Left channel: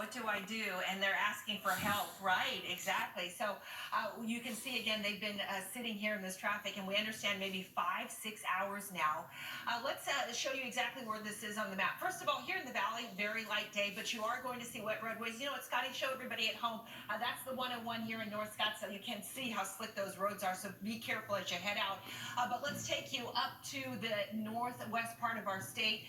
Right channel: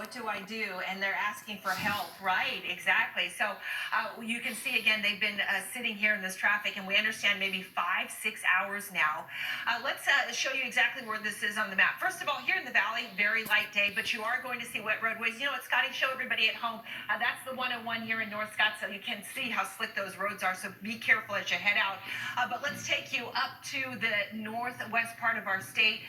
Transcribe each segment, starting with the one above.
what do I do? And they're asking for help, right? Exactly. So you can see again, they've been sitting here in this traffic, and we understand maybe 5-6 hours now. Let's show you exactly where this is on the map. First of all, here in the valley, very light day, but you are going to see wet roadways. You know what, Scotty, show everybody at home. That's the 101 here in North Scottsdale. You can see how slick those roads are, so be careful as you head out. But let's take you up to the northwest part of our state.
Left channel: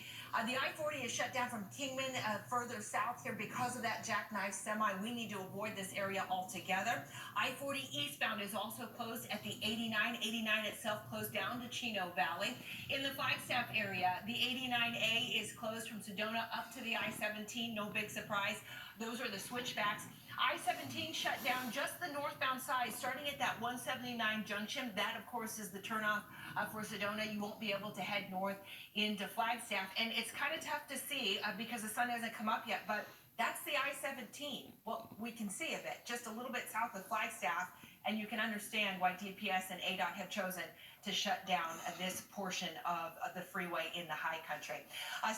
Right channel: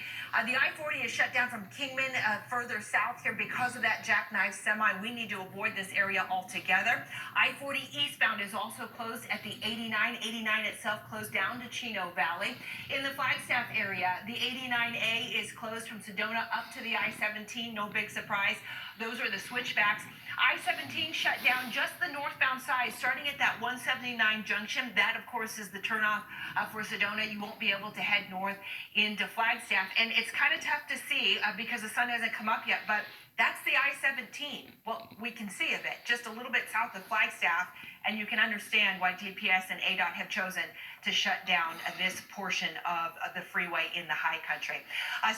The I-40 is shut down from Kingman further south here because of that jackknife semi. We need to avoid this area altogether. I-40 eastbound is also closed at the 89. 89 itself closed down to Chino Valley. In the Flagstaff area, the 89A is closed from Sedona up to the I-17. No big surprise. Those are the switchbacks. I-17 shut down just the northbound side, starting at that 179 junction. That, of course, is the turnoff for Sedona. You won't be able to head north into Flagstaff. And it's kind of tough to see because the sun hasn't come up yet, but that's the I-17. Well, we can see of it just a little bit south of Flagstaff, and you can understand why DPS and ADOT have chosen to shut down this portion of the freeway in the high country.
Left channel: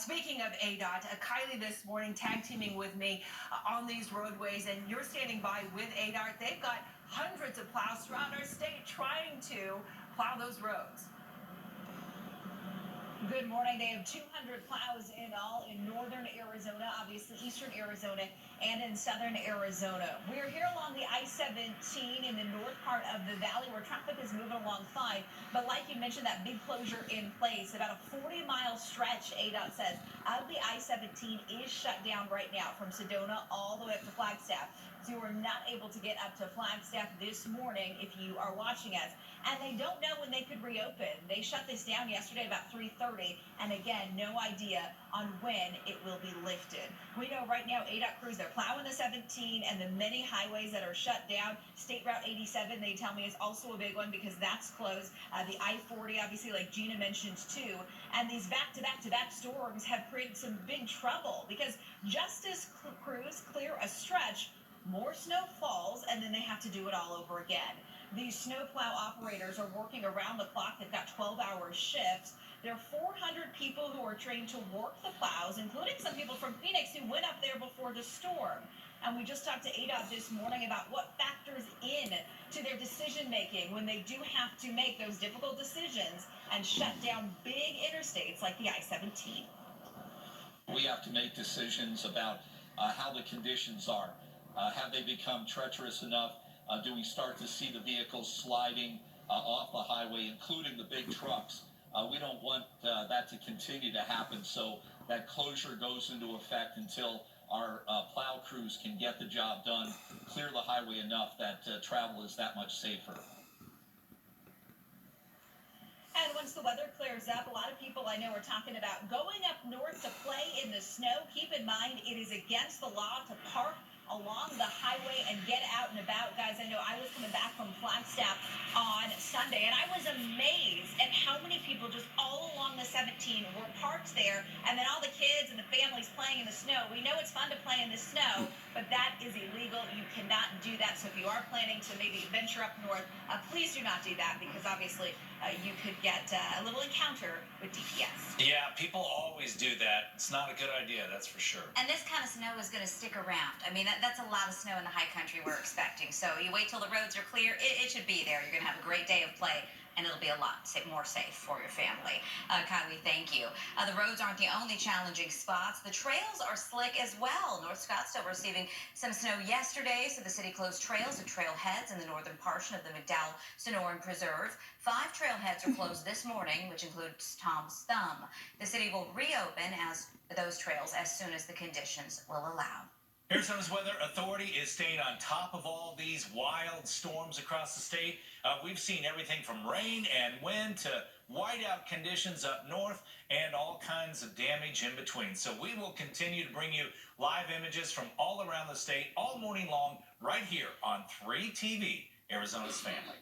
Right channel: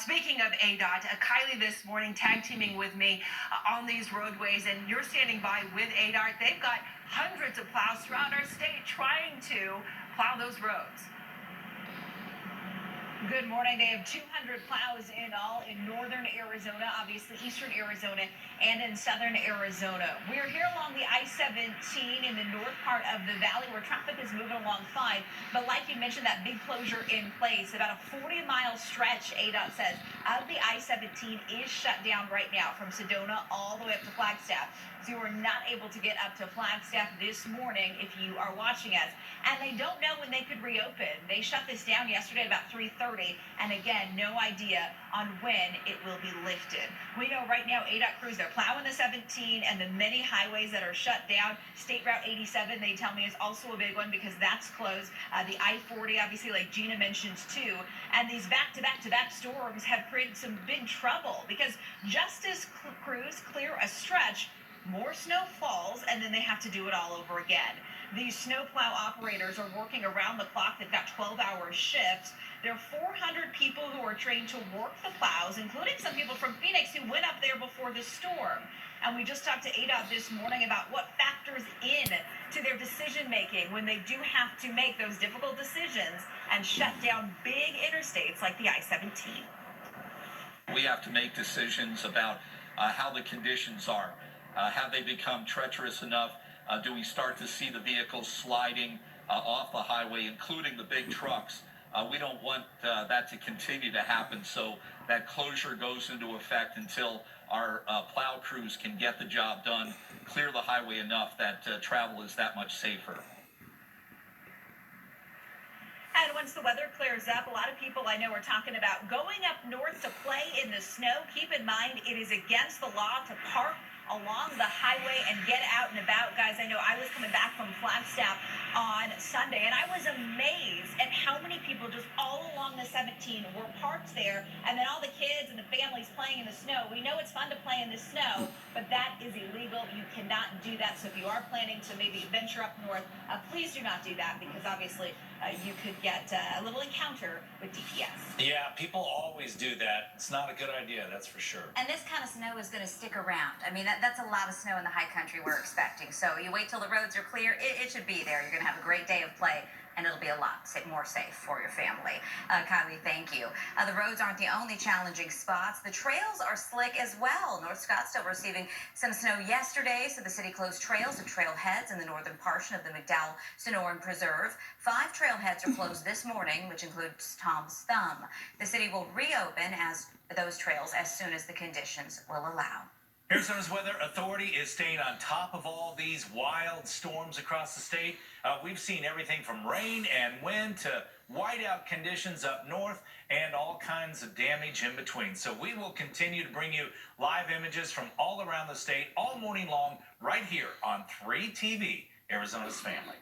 Speaking of ADOT, Kylie this morning tag teaming with me on these roadways, and you're standing by with ADOT. They've got hundreds of plows throughout our state trying to plow those roads. Good morning. They have 200 plows in all in northern Arizona, obviously eastern Arizona, and in southern Arizona. We're here along the I-17 in the north part of the valley where traffic is moving along fine. But like you mentioned, that big closure in place, about a 40-mile stretch, ADOT says, of the I-17 is shut down right now from Sedona all the way up to Flagstaff. So you are not able to get up to Flagstaff this morning if you are watching us. And they don't know when they could reopen. They shut this down yesterday about 3:30, and again, no idea on when it will be lifted. We know right now ADOT crews, they're plowing the 17 and the many highways that are shut down. State Route 87, they tell me, is also a big one because that's closed. The I-40, obviously, like Gina mentioned too. And these back-to-back-to-back storms have created some big trouble because just as crews clear a stretch, more snow falls, and then they have to do it all over again. These snowplow operators are working around the clock. They've got 12-hour shifts. There are 400 people who are trained to work the plows, including some people from Phoenix who went up there before the storm. And we just talked to ADOT this morning about what factors in to their decision-making when they do have to make those difficult decisions and shut down big interstates like the I-17. We have to make decisions about how the conditions are. Have they become treacherous enough? Do we start to see the vehicles sliding off the highway, including the big trucks? We don't want that to continue to happen, so that closure goes into effect until our plow crews can get the job done, clear the highway enough that travel is that much safer. And once the weather clears up, a lot of people I know are talking about going up north to play in the snow. Keep in mind, it is against the law to park along the highway and get out and about. Guys, I know I was coming back from Flagstaff on Sunday, and I was amazed at how many people just all along the 17 were parked there, and then all the kids and the families playing in the snow. We know it's fun to play in the snow, but that is illegal. You cannot do that. So if you are planning to maybe venture up north, please do not do that because obviously you could get a little encounter with DPS. Yeah, people always do that. It's not a good idea, that's for sure. And this kind of snow is going to stick around. I mean, that's a lot of snow in the high country we're expecting. So you wait till the roads are clear. It should be there. You're going to have a great day of play, and it'll be a lot more safe for your family. Kylie, thank you. The roads aren't the only challenging spots. The trails are slick as well. North Scottsdale receiving some snow yesterday, so the city closed trails and trailheads in the northern portion of the McDowell Sonoran Preserve. 5 trailheads are closed this morning, which includes Tom's Thumb. The city will reopen those trails as soon as the conditions will allow. Arizona's Weather Authority is staying on top of all these wild storms across the state. We've seen everything from rain and wind to whiteout conditions up north and all kinds of damage in between. So we will continue to bring you live images from all around the state all morning long right here on 3TV, Arizona's Family.